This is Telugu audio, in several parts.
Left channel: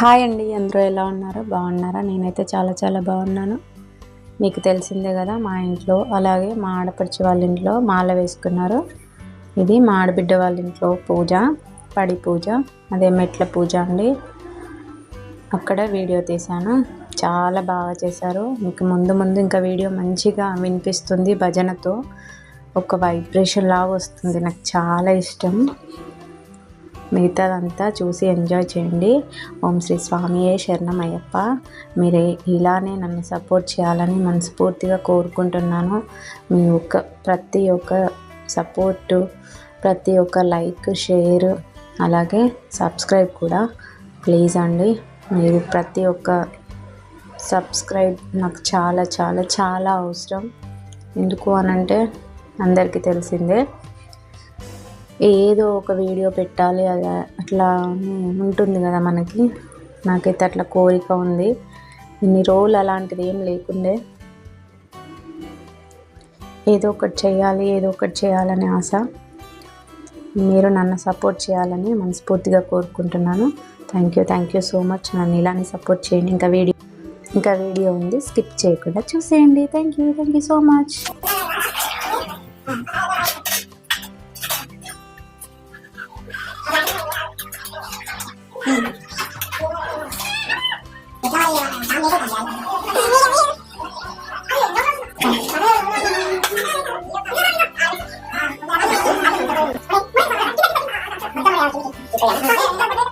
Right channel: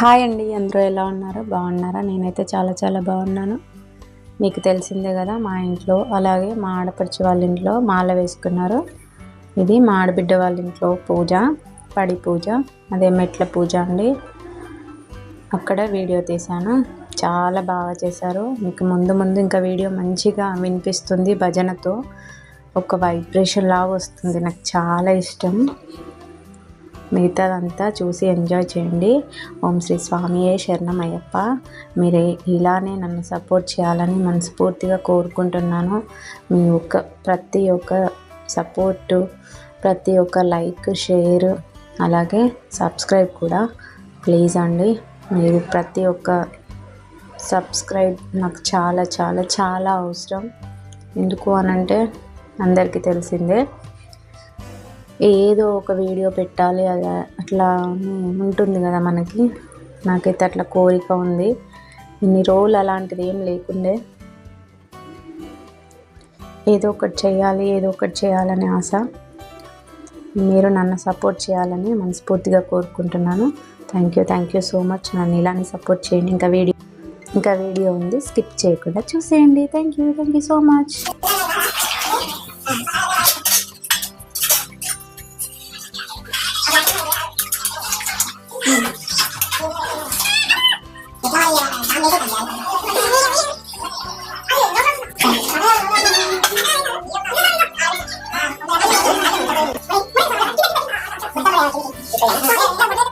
హాయ్ అండి అందరూ ఎలా ఉన్నారు? బాగున్నారా? నేనైతే చాలా చాలా బాగున్నాను. మీకు తెలిసిందే కదా మా ఇంట్లో అలాగే మా ఆడపడిచి వాళ్ళ ఇంట్లో మాల వేసుకున్నారు. ఇది మా ఆడబిడ్డ వాళ్ళ ఇంట్లో పూజ పడి పూజ అదే మెట్ల పూజ అండి. అక్కడ వీడియో తీశాను. చాలా బాగా చేశారు. మీకు ముందు ముందు ఇంకా వీడియో మంచిగా వినిపిస్తుంది భజనతో. ఒక వైబ్రేషన్ లాగా వస్తుంది. నాకు చాలా ఇష్టం. మిగతాదంతా చూసి ఎంజాయ్ చేయండి. ఓం శ్రీ స్వామియే శరణం అయ్యప్ప మీరే ఇలానే నన్ను సపోర్ట్ చేయాలని మనస్ఫూర్తిగా కోరుకుంటున్నాను. మీ ఒక్క ప్రతి ఒక్క సపోర్టు ప్రతి ఒక్క లైక్ షేర్ అలాగే సబ్స్క్రైబ్ కూడా ప్లీజ్ అండి. మీరు ప్రతి ఒక్క సబ్స్క్రైబ్ నాకు చాలా చాలా చాలా అవసరం. ఎందుకు అనంటే అందరికీ తెలిసిందే. ఏదో ఒక వీడియో పెట్టాలి అలా అట్లా ఉంటుంది కదా మనకి. నాకైతే అట్లా కోరిక ఉంది. ఇన్ని రోజులు అలాంటిది ఏం లేకుండే. ఏదో ఒకటి చేయాలి ఏదో ఒకటి చేయాలని ఆశ. మీరు నన్ను సపోర్ట్ చేయాలని మనస్ఫూర్తిగా కోరుకుంటున్నాను. Thank you thank you so much నన్ను ఇలానే సపోర్ట్ చేయండి. ఇంకా వీడియో ఇంకా వీడియో ఉంది. స్కిప్ చేయకుండా చూసేయండి. Thank you thank you so much అది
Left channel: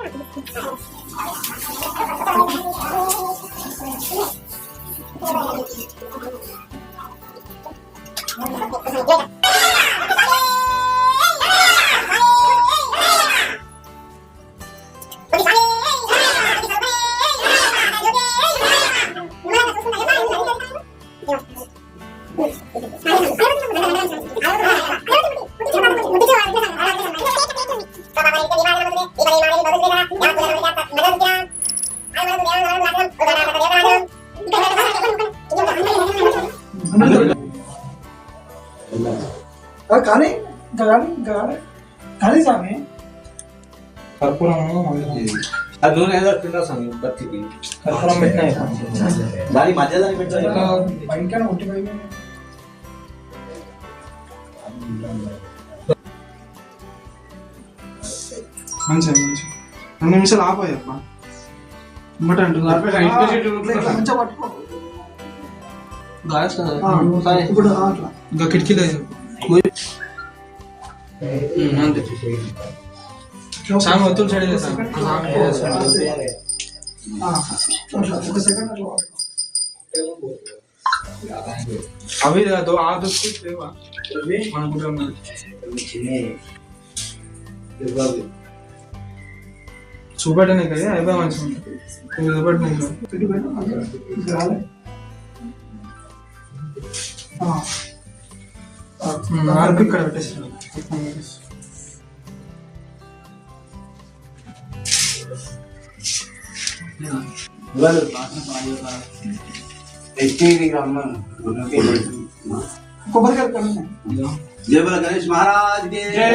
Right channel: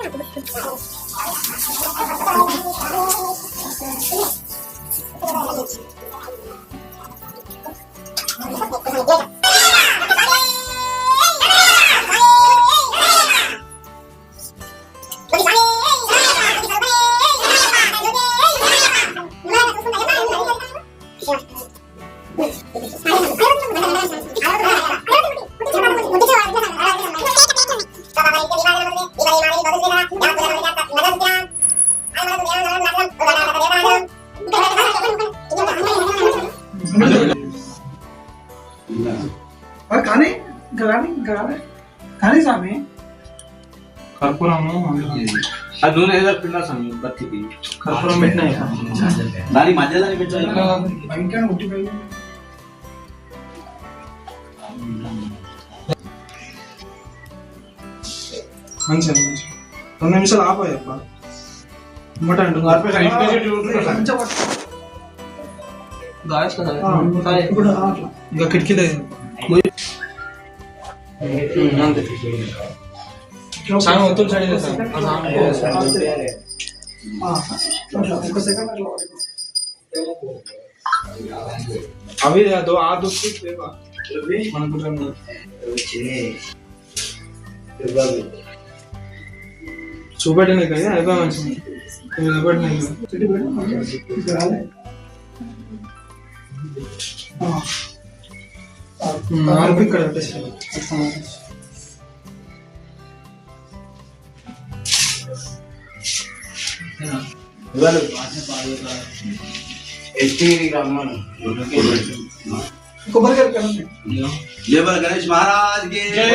అది నూనె ఏదో పిండా స్వామి బతికి కర్పూరం పెట్టినాయి దాని మధ్య దాన్ని పెట్టాలి భయంకరంగా ఉట్టిపోయింది మంచిగా మంచిగా రెండు నిమిషాలు ఆపోయప్ప ఇమ్మట ఇప్పుడు అట్లా ఇంకా కిటికీలే సాంగ్ ఒత్తులు సైడ్ చేస్తాను ఆ సాంగ్. అవి అదో ఆ దుక్కు చూపెట్టనే కదా అయిపోయి మంచిగా ఇవి చూపెట్టినాయి కదా. పెట్టి పెట్టు. ఇంకా రాలే. ఆ. ఆ, ఉమ్, ఆర్పి ఇక్కడ जय बोल गणेश महाराज के जय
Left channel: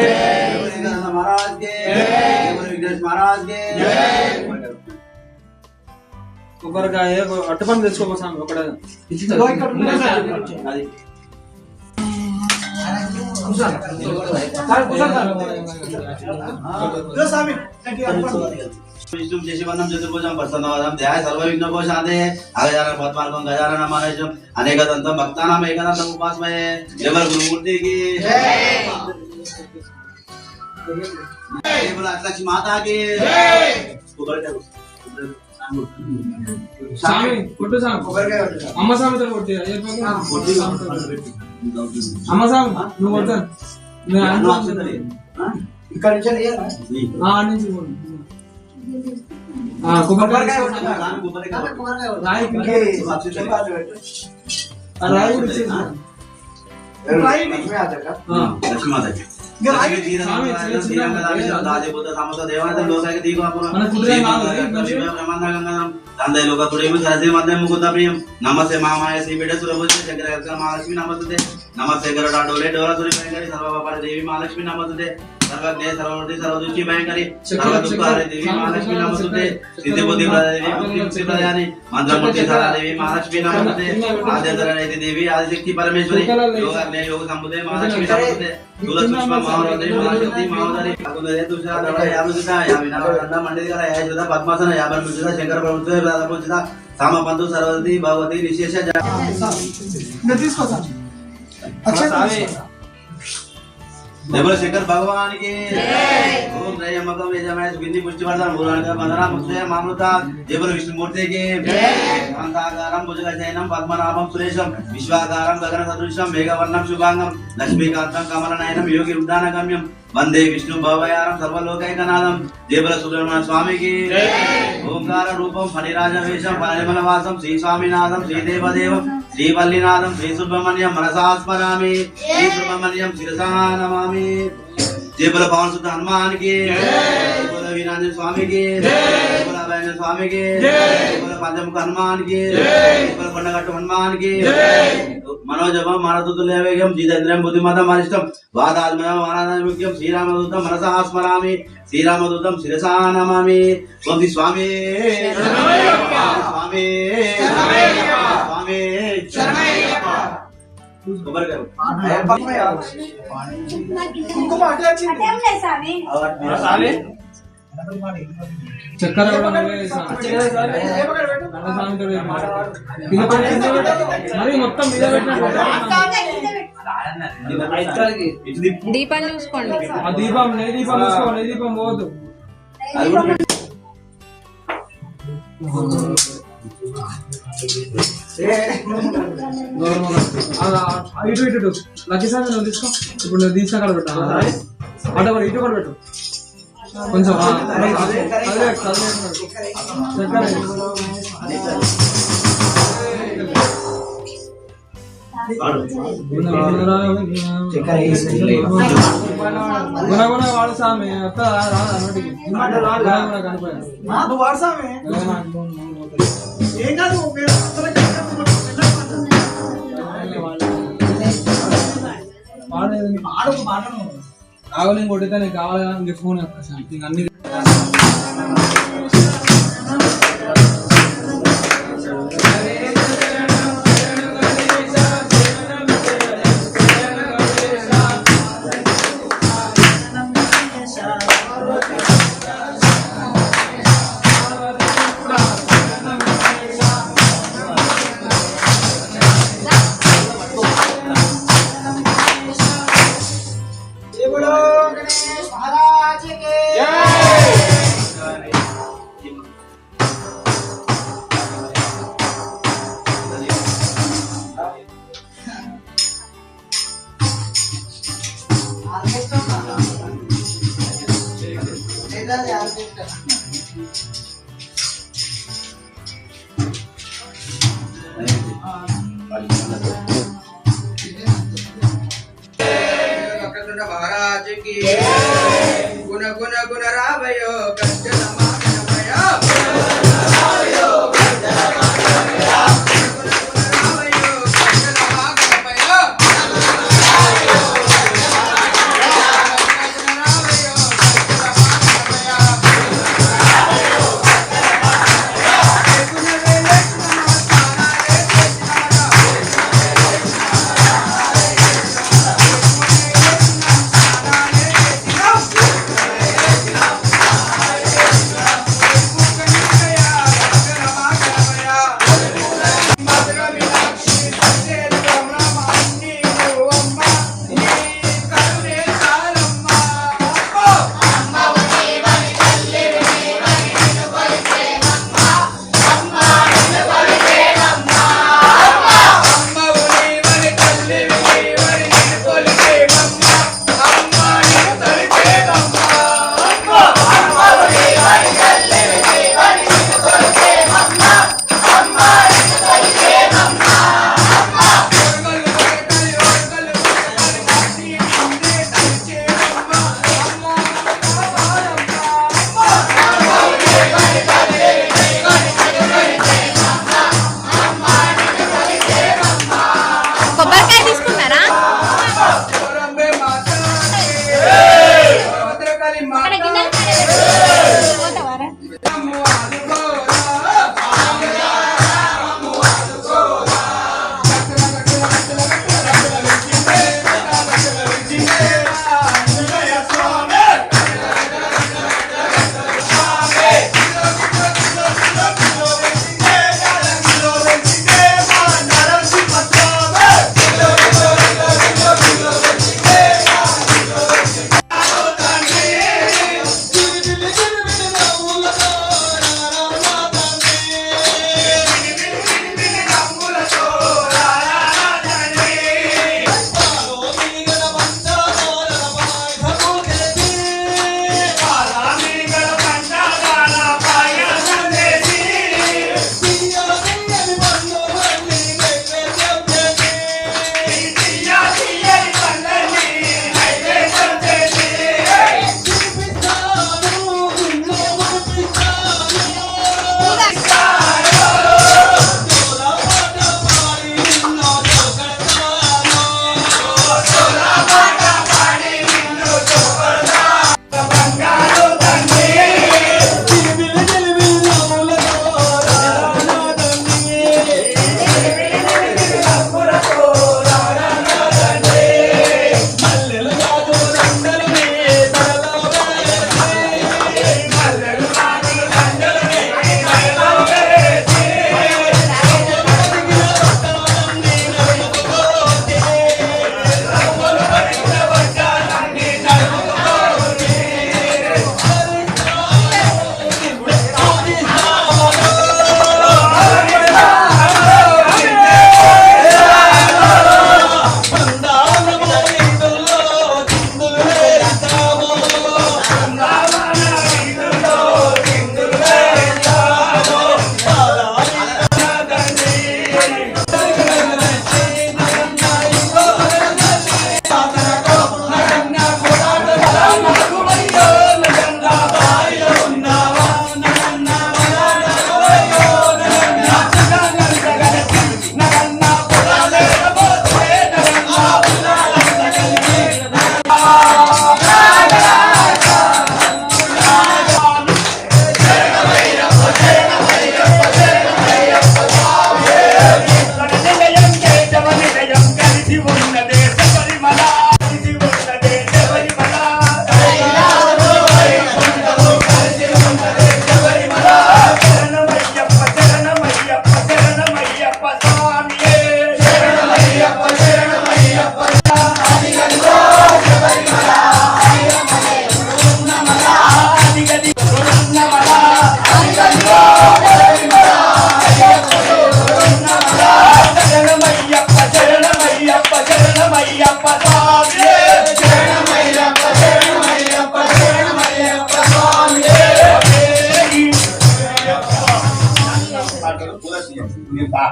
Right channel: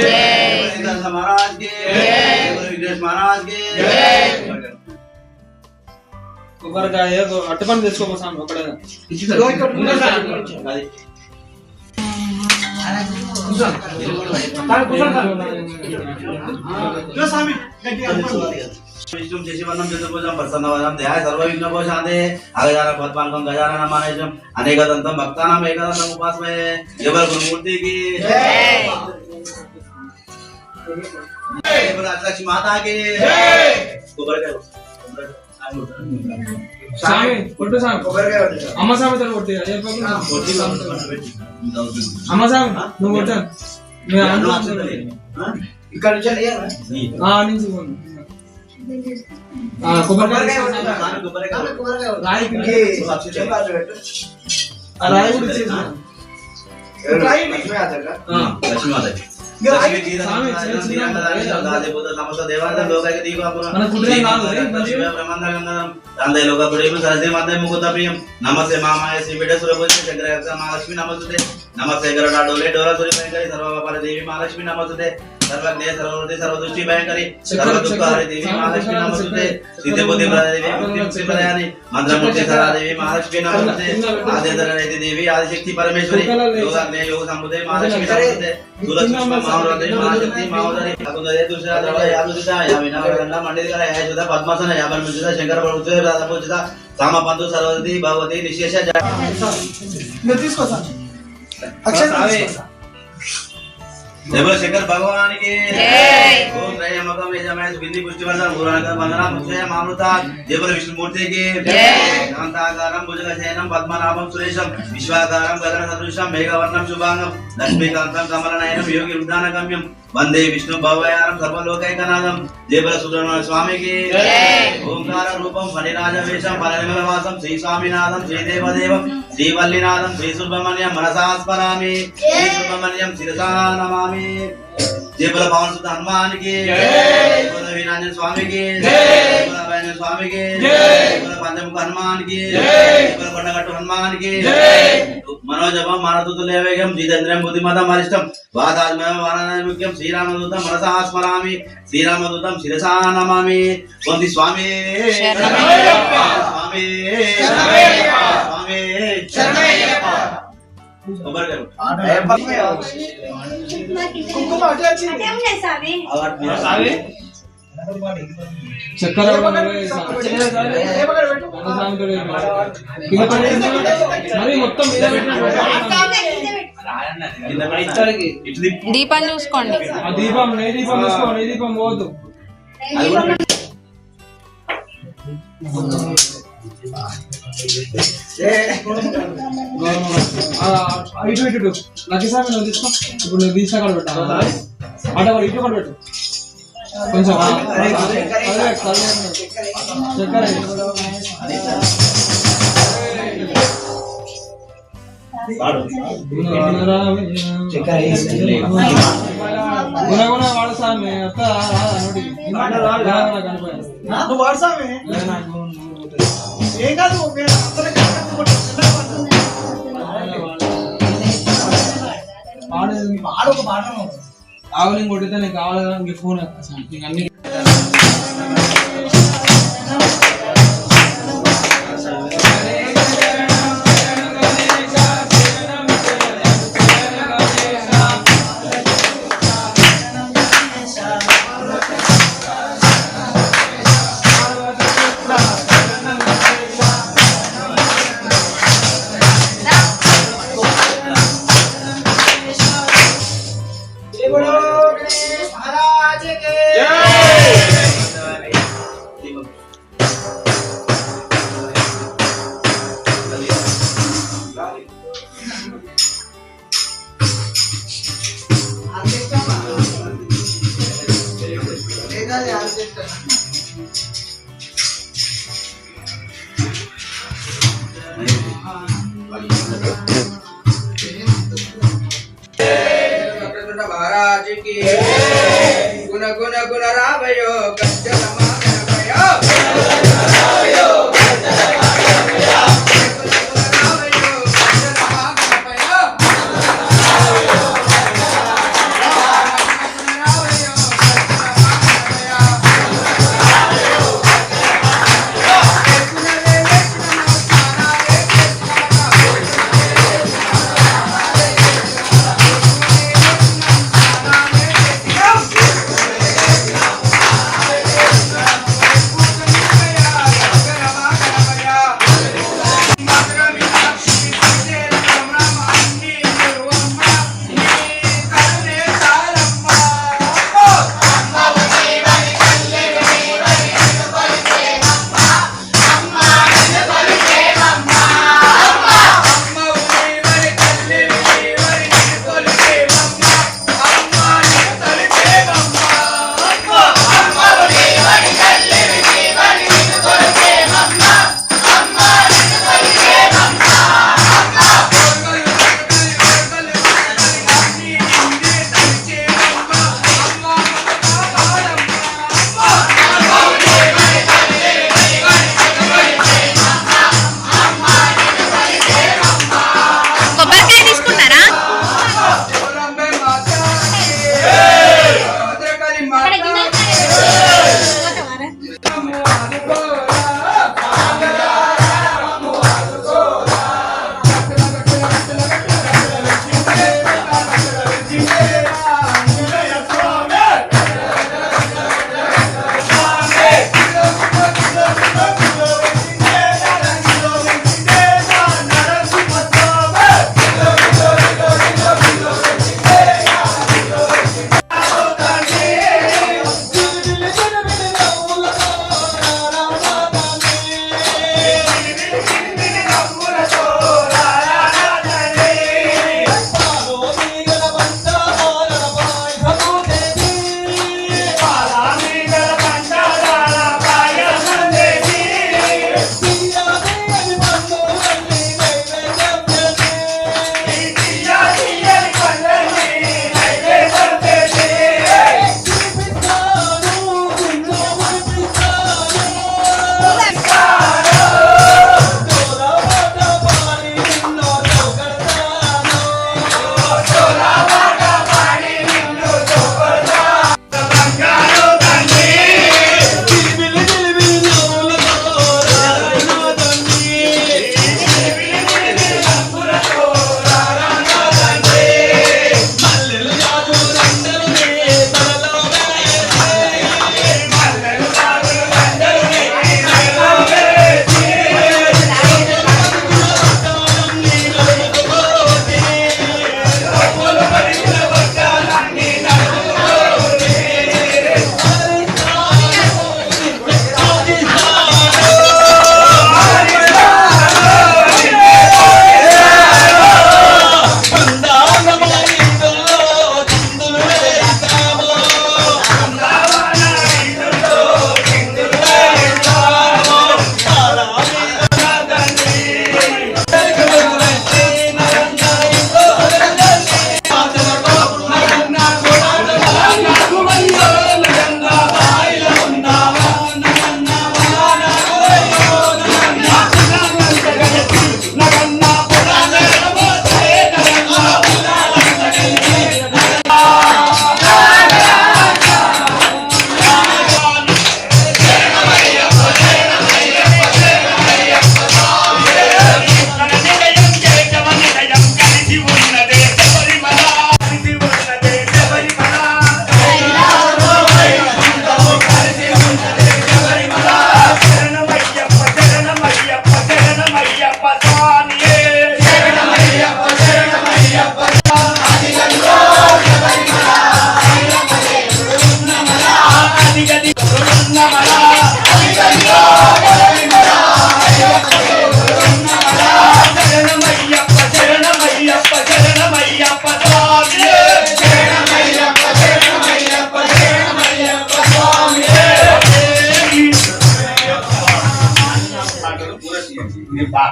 गणेश महाराज के जय बोल विघ्नेश महाराज के కొబ్బరికాయ అట్టు పని తెచ్చుకోపో సాంగ్ ఒకటే ఇదిగో ఇక్కడ ఉన్నాయి. అది కూర్చోండి. సార్, కూర్చోండి సార్. ఇదిగో స్వామి గట్టిగా అనుకోండి. విష్ణుం శశివర్ణం చతుర్భుజం ప్రసన్నవదం ధ్యాయ సర్వవిఘ్నోపశాంతే అగజాన పద్మానకం గజానన మానేశం అనేకదంతం భక్తానాం ఏకదంతం ఉపాస్మయే దేవర గురుమూర్తికి అష్టలక్ష్మి మాతాకి. అమ్మ సామెత కొట్టి. అమ్మ సామి నువ్వు కొట్టా మీ అన్నం అన్న వచ్చింది. ఆ? ఇక్కడ నుంచి కొబ్బరికాయ ప్రియం. నమస్తే మామాయ శ్రీ బిడ్డ సురభుజి శంకర మహాలక్ష్మి నమస్తే నమస్తే గరుడ డోలే సురి భయంకరి సర్వ దేవి మహాలక్ష్మి నమస్తే सर्व सर्वमूर्ती सर्वदृष्टी भयंकरी सर्व दुःख देवी महालक्ष्मी नमस्ते सिद्धपती देवी मुक्तिमुक्ती प्रदाने मंत्रमुक्ती सदा महालक्ष्मी नमस्ते आद्य देवी आदिशक्ती परमेश्वरी योगाग्ने योग समुदय महालक्ष्मी नमस्ते तुला या पद्मासन या शंकर बनमुचिता राधा भगवती निशेषा नतीश సార్ అక్షంత తీసుకో సార్. देवल शंकर भगवान की ओम त्रयंबकम यजमय सुगंधि पुष्टिवर्धन मूलनकर वंदना मुक्षय मामृता देवल विष्णु मूर्ति की शांताकारं भुजगशयनं पद्मनाभं सुरेशं विश्वाकारं गगन सदृशं मेघवर्णं शुभांगं लक्ष्मीकान्तं कमलनयनं योगी उद्दानगम्यं वंदे विष्णु भवयारं सर्वलोकैकनाथं देवल सुब्रह्मण्य स्वामी की ओंकार रूपं फणिराज वेशं फणनिमल वासं श्री శ్రీవల్లినాథం శ్రీ సుబ్రహ్మణ్యం మనసాస్మరామి శ్రీ సుబ్రహ్మణ్యం శిరసా నమామి జయపుల పవన్ సుద్ధ హనుమానికి వీరాంజన స్వామికి స్వామికి పంచముఖ హనుమానికి కొండగట్టు హనుమానికి మనోజమం మానదూతులేవేగం జితేంద్రం బుద్ధిమతం అరిష్టం వాతాత్మయం శ్రీరామదూతం మనసా స్మరామి శ్రీరామదూతం శిరసా నమామి స్వామి స్వామి స్వామి స్వామి కొబ్బరికాయ కుంకుమ అట్లా వచ్చింది చక్కెర కూడా ఏమక్కడ పెట్టు. మరి మొత్తం మీద ఇటు తిప్పు. దీపం చూసుకోండి ఆ దీపం నే దీపం చూసుకో నే దీపం పోదు అది కూడా పెట్టు. ఆ, ఇటు ఇటు లక్కీ సార్ నువ్వు తీసుకో ఇప్పుడు నువ్వు తీసిన కాడ పెట్టా అటు ఒకటి ఇటు కూడా పెట్టు కొంచెం ఆ, అదే, అత్త రాదా నోటికి గుణ ఏం కాదు మీరు అందరికీ. పాడు ఒక పాట ఆవులింగ్ కొట్టితే నీకు కావాలి కదా ఇంక ఫోన్ అన్ని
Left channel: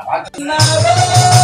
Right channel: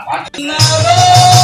啊.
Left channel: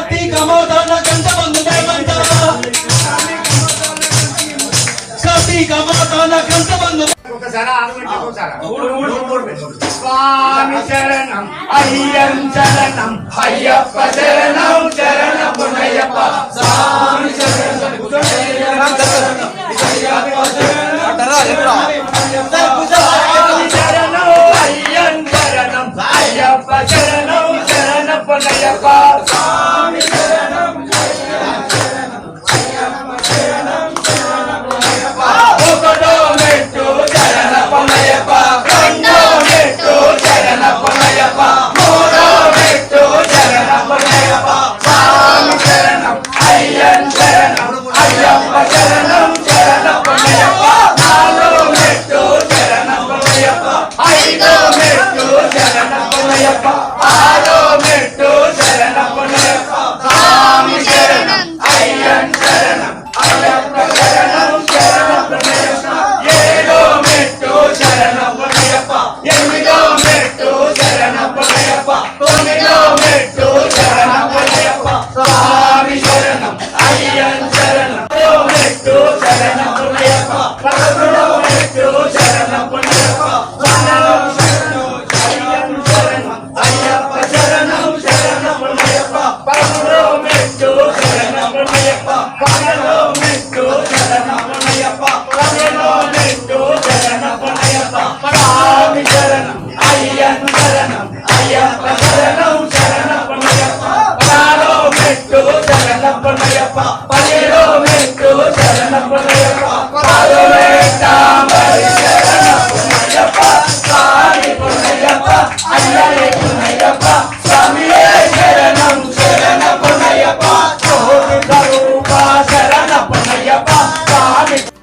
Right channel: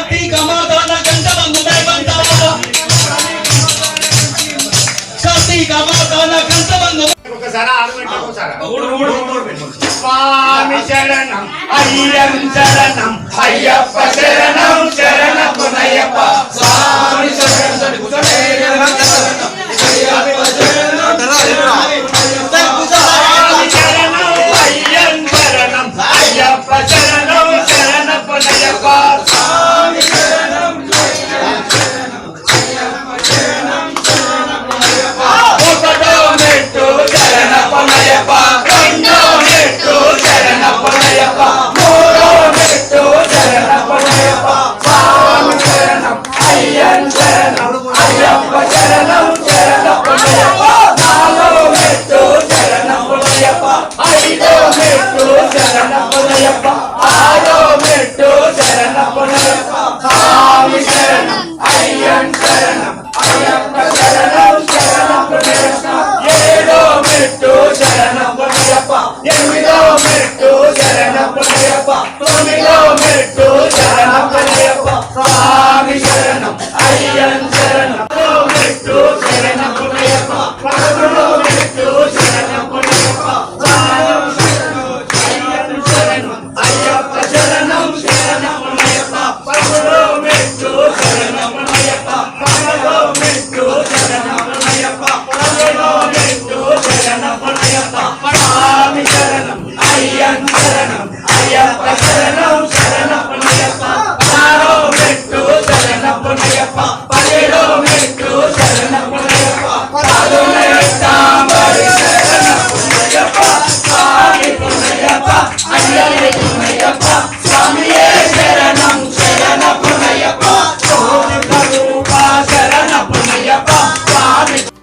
కట్టి కమర్దాన గంట మందులై బంటవా కట్టి కమర్దాన స్వామి శరణం అయ్యం శరణం అయ్యప్ప శరణం శరణం పునయ్యప్ప స్వామి శరణం Kerja dan.